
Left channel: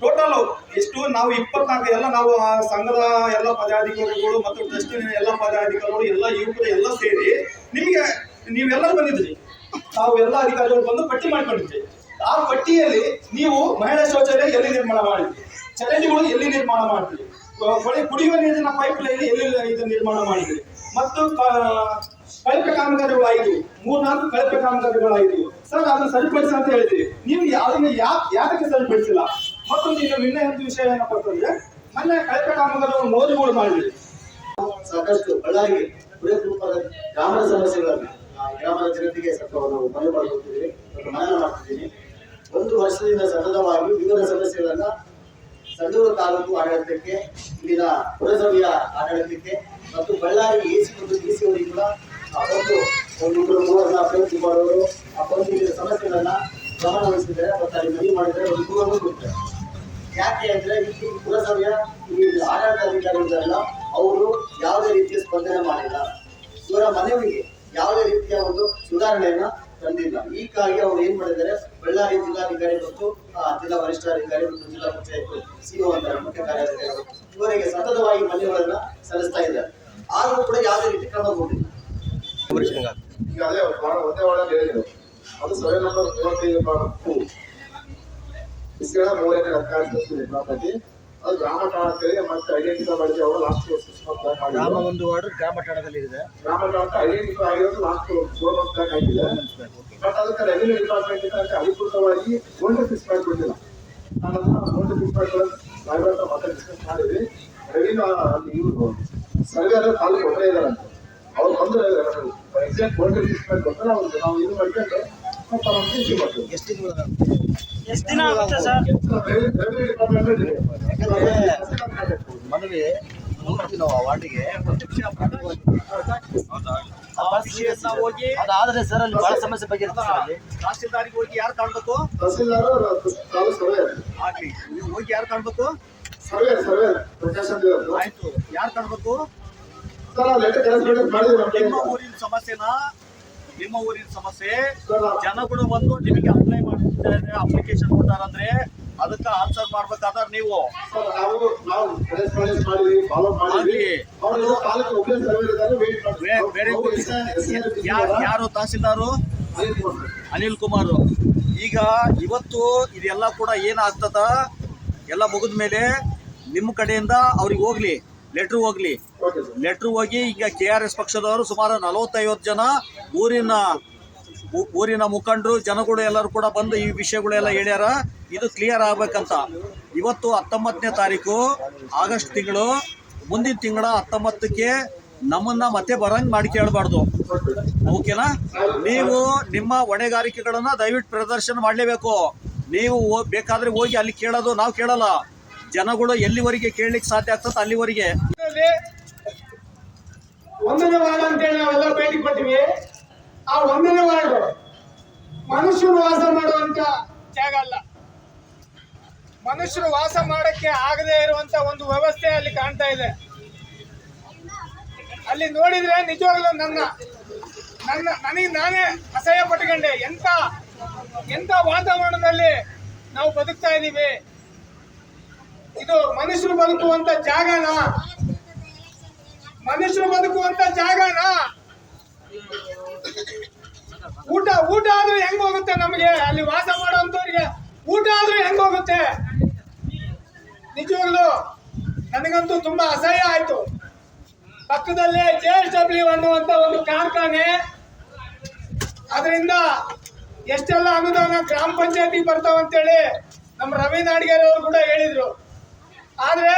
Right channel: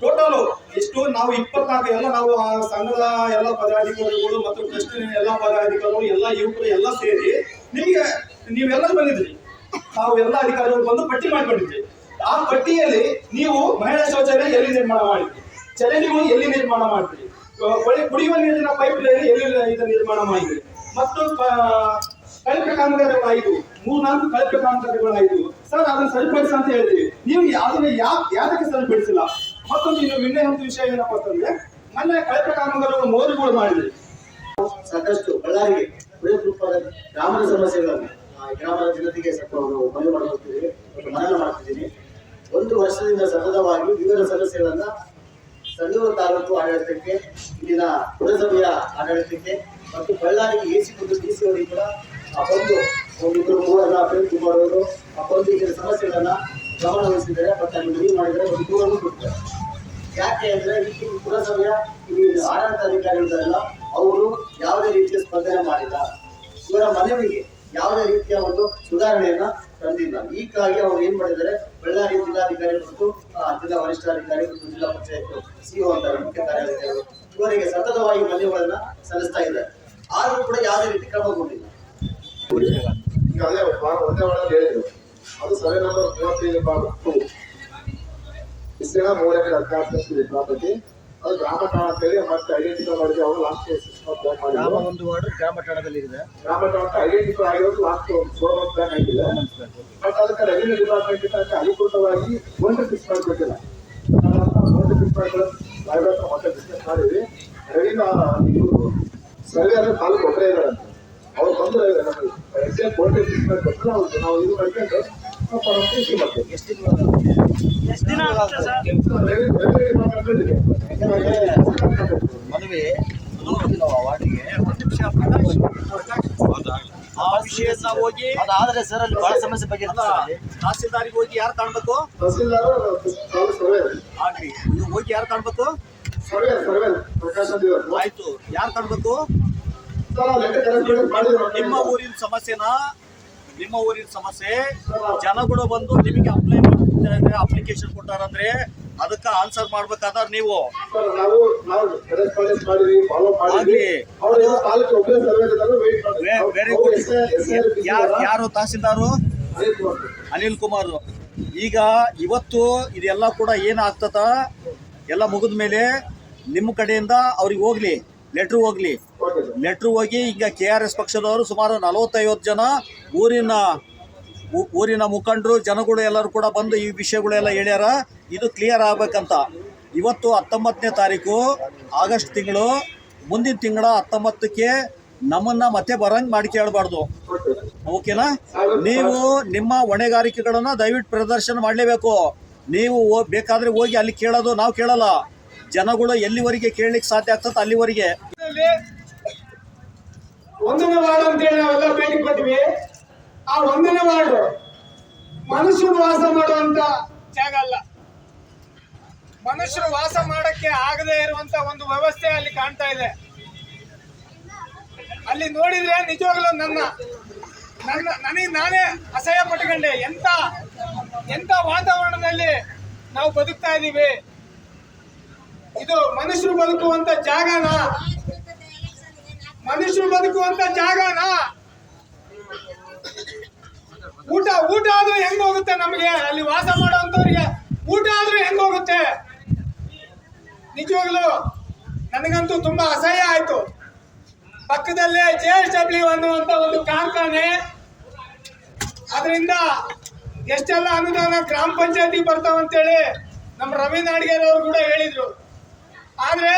ಟೋಟಲ್ ಎಷ್ಟು? ನಾವು 24 ಎಲ್ಲ ನಾವು ಆ ಸಂಘದ ಎಲ್ಲ ಪದಾಧಿಕಾರಿಗಳು ಮತ್ತು ಟ್ರಸ್ಟ್ ಎಲ್ಲ ಪದಾಧಿಕಾರಿಗಳು ಎಲ್ಲ ಯುವಕರು ಎಲ್ಲ ಸೇರಿ ನಿಮಗೆ ನೀವೆಲ್ಲರೂ ಬಂದಿದ್ರಿ. ತಾವು ಎಲ್ಲ ಅಧಿಕಾರಿಗಳು ಬಂದು ಪಟ್ಟಿ ಮಾಡ್ಕೊಂಡಿದ್ರಿ. ಆ ಪಟ್ಟಿಯಲ್ಲಿ ನೀವು ಮಹಿಳಾ ಶೌಚಾಲಯ ಎಲ್ಲಿ ನಿರ್ಮಾಣ ಮಾಡಿದ್ರಿ, ಚರಂಡಿಗಳು ಎಲ್ಲಿ ನಿರ್ಮಾಣ ಮಾಡಿದ್ರಿ, ಕುಡಿಯುವ ನೀರಿನ ಪೈಪ್ ಲೈನ್ ಎಲ್ಲಿ ಇದು ನಿರ್ಮಾಣ ಮಾಡಿದ್ರಿ, ಮತ್ತು ಕಳಪೆ ಕಾಮಗಾರಿಗಳಾಯಿತು, 3-4 ಕಳಪೆ ಕಾಮಗಾರಿಗಳಾಯಿತು. ಸರ್, ಅದನ್ನು ಸರಿಪಡಿಸಿ ಅಂತ ಹೇಳಿದ್ರಿ. ನೀವು ಅದನ್ನ ಯಾಕೆ ಸರಿಪಡಿಸಿಲ್ಲ? ಮತ್ತೊಂದು ಇನ್ನೊಂದು ವಿಷಯ ಏನಪ್ಪ ಅಂತಂದ್ರೆ, ಮೊನ್ನೆ ಕಳಪೆ ಕಾಮಗಾರಿಗಳು ಮೋರಿಗಳು ಮಾಡಿದ್ರಿ. ಸಾಕಷ್ಟು ಬಳ್ಳಾರಿಗೆ ಬೃಹತ್ ರೂಪದ ಗ್ರಾಮದ ಸಮಸ್ಯೆಗಳನ್ನು ಗ್ರಾಮದ ಜನತೆಗೆ ಸ್ವಲ್ಪ ನಾವು ಮನವಿ ಮಾಡಿಕೊಡ್ತಿದ್ದೀವಿ ಮತ್ತು ಮನವಿ ಮಾಡ್ತಿದ್ದೀನಿ. 1 ವರ್ಷದಿಂದ ಸತತವಾಗಿ ವಿವಿಧ ಸಮಸ್ಯೆಗಳನ್ನ ಸಂಡೂರು ತಾಲೂಕು ಆಡಳಿತಕ್ಕೆ, ಇಲ್ಲಿನ ಪುರಸಭೆಯ ಆಡಳಿತಕ್ಕೆ ಮತ್ತು ಬಳ್ಳಾರಿ ಎಸಿ ಮತ್ತು ಡಿಸಿ ಅವರಿಗೆ ಕೂಡ ಒಂದಿಬ್ಬರು 3 ಪ್ರಯತ್ನ ಮಾಡೋರು ಇಲ್ಲಿನ ಸಮಸ್ಯೆಗಳನ್ನ ಗಮನ ವಹಿಸಿದ್ದಾರೆ ಮತ್ತು ಅಲ್ಲಿ ಮನವಿ ಮಾಡಿದರೆ ಒಂದು ದೂರನ್ನು ಕೊಡ್ತಾರೆ. ಯಾಕೆ ಅಂದ್ರೆ ಈ ಪುರಸಭೆಯ ಇಲ್ಲಿ ಆಡಳಿತ ಅಧಿಕಾರಿಗಳಿದ್ದಾರಲ್ಲ, ಅವರು ಯಾವುದೇ ರೀತಿಯ ಸ್ಪಂದನೆ ಮಾಡಿಲ್ಲ. ಇವರ ಮನವಿಗೆ ಯಾವುದೇ ರೀತಿಯ ಒಂದು ಸುಧಾರಣೆಯನ್ನ ತಂದಿಲ್ಲ. ಹೀಗಾಗಿ ಅವರು ಏನ್ ಮಾಡಿದ್ದಾರೆ, ಬಳ್ಳಾರಿ ಜಿಲ್ಲಾಧಿಕಾರಿ ಮತ್ತು ಜಿಲ್ಲಾ ವರಿಷ್ಠಾಧಿಕಾರಿ ಮತ್ತು ಜಿಲ್ಲಾ ಪಂಚಾಯತ್ ಸಿಒ ಅಂತ ಮುಖ್ಯ ಕಾರ್ಯಾಧಿಕಾರಿಗಳು ಇವರಿಗೆ ಸತತವಾಗಿ ಮನವಿಗಳನ್ನ ಸಲ್ಲಿಸ್ತಾ ಇದ್ದಾರೆ. ಆದರೂ ಕೂಡ ಯಾವುದೇ ರೀತಿ ಕ್ರಮಗೊಂಡಿಲ್ಲ. ಈಗ ಅದೇ ಒಂದೇ ಒಳಗೆ ಹೇಳಿದ್ರು, ಅದು ಸರ್ವೆ ನಂಬರ್ 35/2 ವಿಸ್ತೀರ್ಣ 3 ಎಕರೆ 16 ಪ್ರಾಪರ್ಟಿ. ಅದು ಗ್ರಾಮ ಠಾಣಕ್ಕೆ ಮತ್ತೆ ಐಡೆಂಟಿಫೈ ಮಾಡಿದ್ರೆ ಅವರು ಲಾಸ್ಟ್ ಗ್ರಾಮ ಒಂದು ವಾರ್ಡ್ ಗ್ರಾಮ ಠಾಣದಲ್ಲಿ ಇದೆ. ಗ್ರಾಮ ಠಾಣಕ್ಕೆ ಐಡೆಂಟಿಫೈ ಆಗಿರೋದು ಲಾಸ್ಟ್ 4 ಮಂತ್ಸ್ ಬ್ಯಾಕ್ ಆಗಿದೆ. ಬಟ್ ಅದಕ್ಕೆ ರೆವಿನ್ಯೂ ಡಿಪಾರ್ಟ್ಮೆಂಟ್ ಅಂತ ಅಧಿಕೃತವಾಗಿ ಗೋಲ್ಡ್ ಫಿಕ್ಸ್ ಮಾಡಿಕೊಟ್ಟಿಲ್ಲ. ಗೋಲ್ಡ್ ಫಿಕ್ಸ್ ಮಾಡಿಕೊಳ್ಳೋ ಸಾಹೇಬ್ರ ಹತ್ರ ಮತ್ತೆ ಡಿಸ್ಕಸ್ ಮಾಡಿದ್ವಿ. ರೆವಿನ್ಯೂ ಇವರು ಸರ್ವೆ ತಾಲೂಕು ಒಬ್ಬರೇ ಇದಾರಂತೆ. ಅವ್ರು ಬಂದು ಎಕ್ಸಾಕ್ಟ್ ಗೋಲ್ಡ್ ಫಿಕ್ಸ್ ಮಾಡಿಕೊಟ್ರೆ ನಾವು ಇದು ಮಾಡ್ಕೊಂಡು ಎಷ್ಟು ದಿನ ಆಗುತ್ತೆ ಸರ್? ಮನವಿ ನಾವು ಆ ವಾರ್ಡಿಗೆ ಆ ವಿಷಯನ ಹೋಗಿ ಅದಾದ್ರೆ ಸರ್ ಅಲ್ಲಿ ಬಹಳ ಸಮಸ್ಯೆ ಬಗ್ಗೆ ತಹಸೀಲ್ದಾರಿಗೆ ಹೋಗಿ ಯಾರು ಕಾಣ್ಬೇಕು? ತಹಸೀಲ್ದಾರ್ ಸರ್ವೆ ಆಗ್ಲಿ, ಹೋಗಿ ಯಾರು ಕಾಣ್ಬೇಕು? ಸರ್ವೆ ಪ್ರಕಾಶ್ ಅಂತ ಇರೋದು. ಆಯ್ತು, ಯಾರು ಕಾಣ್ಬೇಕು? ಸರ್ ಲೆಟರ್ ಕರೆಸ್ಪಾಂಡೆನ್ಸ್ ಮಾಡಿದ್ರು. ನಿಮ್ಮ ಊರಿನ ಸಮಸ್ಯೆ ಜನಗಳು ಬಂದು ನಿಮಗೆ ಅಪ್ಲೈ ಮಾಡ್ತಿದ್ದಾರೆ, ಅಪ್ಲಿಕೇಶನ್ ಕೊಟ್ಟಾರಂದ್ರೆ ಅದಕ್ಕೆ ಆನ್ಸರ್ ಮಾಡ್ಬೇಕಾದ್ರೆ ನೀವು ಸರ್ ನಾವು ಕರೆಸ್ಪಾಂಡೆನ್ಸ್ ಮಾಡಿದ್ವಿ, ಫಾಲೋ ಮಾಡಿದ್ವಿ. ಅವರು ತಾಲೂಕು ಒಬ್ಬರೇ ಸರ್ವೆ ಇದ್ದಾರೆ, ವೇಟ್ ಮಾಡ್ತಾರೆ. Very good. ಯಾರು ತಹಸೀಲ್ದಾರು? ಅನಿಲ್ ಕುಮಾರ್. ಈಗ ಇವತ್ತು ಇದೆಲ್ಲ ಕೂಡ ಏನಾಗ್ತದ, ಎಲ್ಲ ಮುಗಿದ ಮೇಲೆ ನಿಮ್ಮ ಕಡೆಯಿಂದ ಅವ್ರಿಗೆ ಹೋಗ್ಲಿ, ಲೆಟ್ರ್ ಹೋಗಿ ಈಗ KRS ಪಕ್ಷದವರು ಸುಮಾರು 40-50 ಜನ ಊರಿನ ಮುಖಂಡರು ಜನಗಳು ಎಲ್ಲರೂ ಕೂಡ ಬಂದು ಈ ವಿಷಯಗಳೆಲ್ಲ ಹೇಳ್ಯಾರ. ಇದು ಕ್ಲಿಯರ್ ಆಗ್ಬೇಕಂತ. ಇವತ್ತು 19ನೇ ತಾರೀಕು ಆಗಸ್ಟ್ ತಿಂಗಳು, ಮುಂದಿನ ತಿಂಗಳ 19ಕ್ಕೆ ನಮ್ಮನ್ನ ಮತ್ತೆ ಬರಂಗ್ ಮಾಡಿ ಕೇಳಬಾರ್ದು. ಓಕೆನಾ? ನೀವು ನಿಮ್ಮ ಹೊಣೆಗಾರಿಕೆಗಳನ್ನ ದಯವಿಟ್ಟು ಪ್ರದರ್ಶನ ಮಾಡಲೇಬೇಕು. ನೀವು ಬೇಕಾದ್ರೆ ಹೋಗಿ ಅಲ್ಲಿ ಕೇಳೋದು, ನಾವು ಕೇಳಲ್ಲ. ಜನಗಳು ಎಲ್ಲಿವರೆಗೆ ಕೇಳಲಿಕ್ಕೆ ಸಾಧ್ಯ ಆಗ್ತದೆ ಅಲ್ಲಿವರೆಗೆ. 1ನೇ ವಾರ್ಡ್ ಅಂತೇಳಿ ನಾವೆಲ್ಲ ಭೇಟಿ ಕೊಟ್ಟಿವಿ. ಆ 1ನೇ ವಾರ್ಡ್ ಮನುಷ್ಯರು ವಾಸ ಮಾಡುವಂತ ಜಾಗ ಅಲ್ಲ. ಮನುಷ್ಯರು ವಾಸ ಮಾಡಕ್ಕೆ ಆಗದೆ ಇರುವಂತ ಒಂದು ವ್ಯವಸ್ಥೆ ಅಲ್ಲಿ ಕಾಣ್ತಾ ಇದೆ. ಅಲ್ಲಿ ನೋಡಿದ್ರೆ ನಿಜವಾಗ್ಲೂ ನನಗೆ ನಾನೇ ಅಸಹ್ಯ ಪಟ್ಕೊಂಡೆ. ಎಂತ ವಾತಾವರಣದಲ್ಲಿ ನಾವು ಬದುಕ್ತಾ ಇದ್ದೀವಿ. ಇದು ಮನುಷ್ಯರು ಬದುಕುವಂತ ಜಾಗನಾ? ಊಟ ಆದ್ರೂ ಹೆಂಗ್ ಹೋಗುತ್ತೆ ನಮಗೆ? ಅಲ್ಲಿ ವಾಸ ಮಾಡುವಂತವ್ರಿಗೆ ಊಟ ಆದ್ರೂ ಹೆಂಗ್ ಹೋಗುತ್ತೆ? ನಿಜವಾಗ್ಲು ನನಗಂತೂ ತುಂಬಾ ಅಸಹ್ಯ ಆಯ್ತು. ಪಕ್ಕದಲ್ಲೇ JSW ಅನ್ನುವಂತ ಒಂದು ಕಾರ್ಖಾನೆ, ಅದರಿಂದ ಎಷ್ಟೆಲ್ಲ ಅನುದಾನ ಗ್ರಾಮ ಪಂಚಾಯತಿ ಬರ್ತಾವಂತೇಳಿ ನಮ್ಮ ರವಿ ನಾಡಿಗೇರ್ ಅವರು ಕೂಡ ಹೇಳಿದ್ರು. ಆದ್ರೆ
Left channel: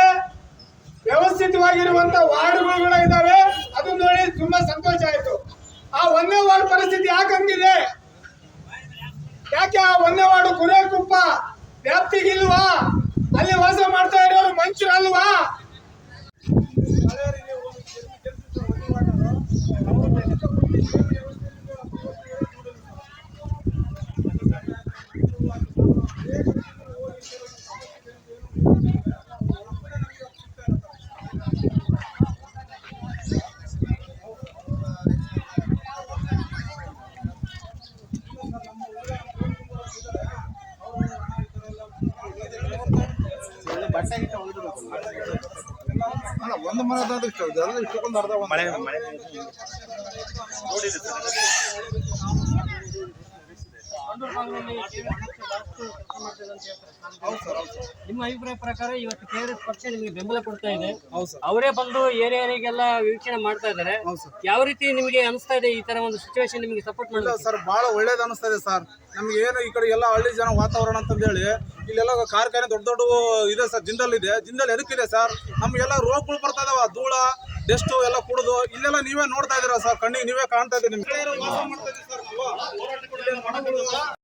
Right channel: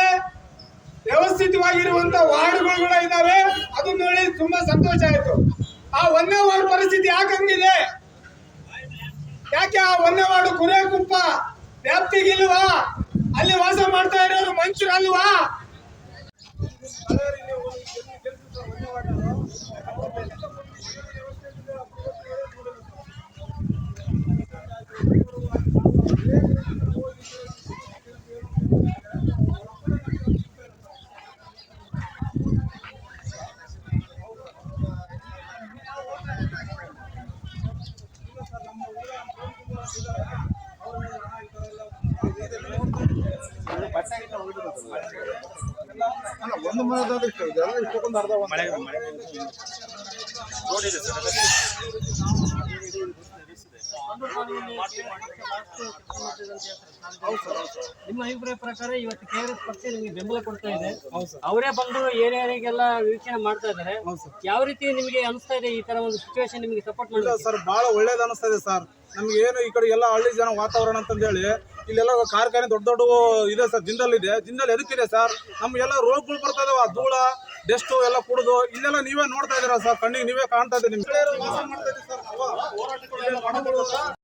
ವ್ಯವಸ್ಥಿತವಾಗಿರುವಂತ ವಾರ್ಡ್ಗಳು ಕೂಡ ಇದಾವೆ. ಅದನ್ನ ನೋಡಿ ತುಂಬಾ ಸಂತೋಷ ಆಯ್ತು. ಆ 1ನೇ ವಾರ್ಡ್ ಪರಿಸ್ಥಿತಿ ಯಾಕಂಗಿದೆ? ಯಾಕೆ ಆ 1ನೇ ವಾರ್ಡ್ ಕುರೇಕುಪ್ಪ ವ್ಯಾಪ್ತಿಗಿಲ್ವಾ? ಅಲ್ಲಿ ವಾಸ ಮಾಡ್ತಾ ಇರೋರು ಮನುಷ್ಯರಲ್ವಾ? ನಿಮ್ಮ ಅಭಿಪ್ರಾಯ ಪ್ರಕಾರ ಇವತ್ತು KRS ಪಕ್ಷ ನಿಮಗೆ ಬೆಂಬಲ ಕೊಡ್ತಾ ಇದೆ. ಅವರೇ ಬಂದು ಏರಿಯಾರಿಗೆಲ್ಲ ವೀಕ್ಷಣೆ ಮಾಡ್ತಾ ಇದ್ದಾರೆ. ಯಾವ ರೀತಿ ನಿಮಗೆ ಅನಿಸ್ತಾ ಇದೆ ಈ ತರ ಒಂದು ಸಿಚುವೇಶನ್ ನಿಮಗೆ ಸಪೋರ್ಟ್ ಮಾಡಿಲ್ಲ? ಸರ್ ಬಹಳ ಒಳ್ಳೇದು ಅನಿಸ್ತಾ ಇದೆ ಸರ್. ನಮ್ಗೆ ಏನು ಈ ಕಡೆ ಎಲ್ಲ ಹಳ್ಳಿ ಜನ ವಾತಾವರಣ ಅಂತಂದೇಳಿ ಇಲ್ಲೆಲ್ಲ ಕಾರ್ಖಾನೆ ದೊಡ್ಡ ಇದೆ ಸರ್. ಜಿಂದಾಲ್ ಎದಕ್ಕಿದೆ ಸರ್? ನಮ್ಗೆಲ್ಲ ರೋಗಗಳು ಬರ್ತಾ ಇದಾವ, ಧೂಳ ಡೆಸ್ಟು ಎಲ್ಲ ಕುಡಿದು. ಇಲ್ಲೆಲ್ಲ ನೀವೇ ನೋಡ್ತಾ ಇದೀರಾ ಸರ್, ಕಣ್ಣಿಗೆ ನೀವೇ ಕಾಣ್ತಾ ಇದ್ದೀರಿ. ನಿಮ್ಗೆ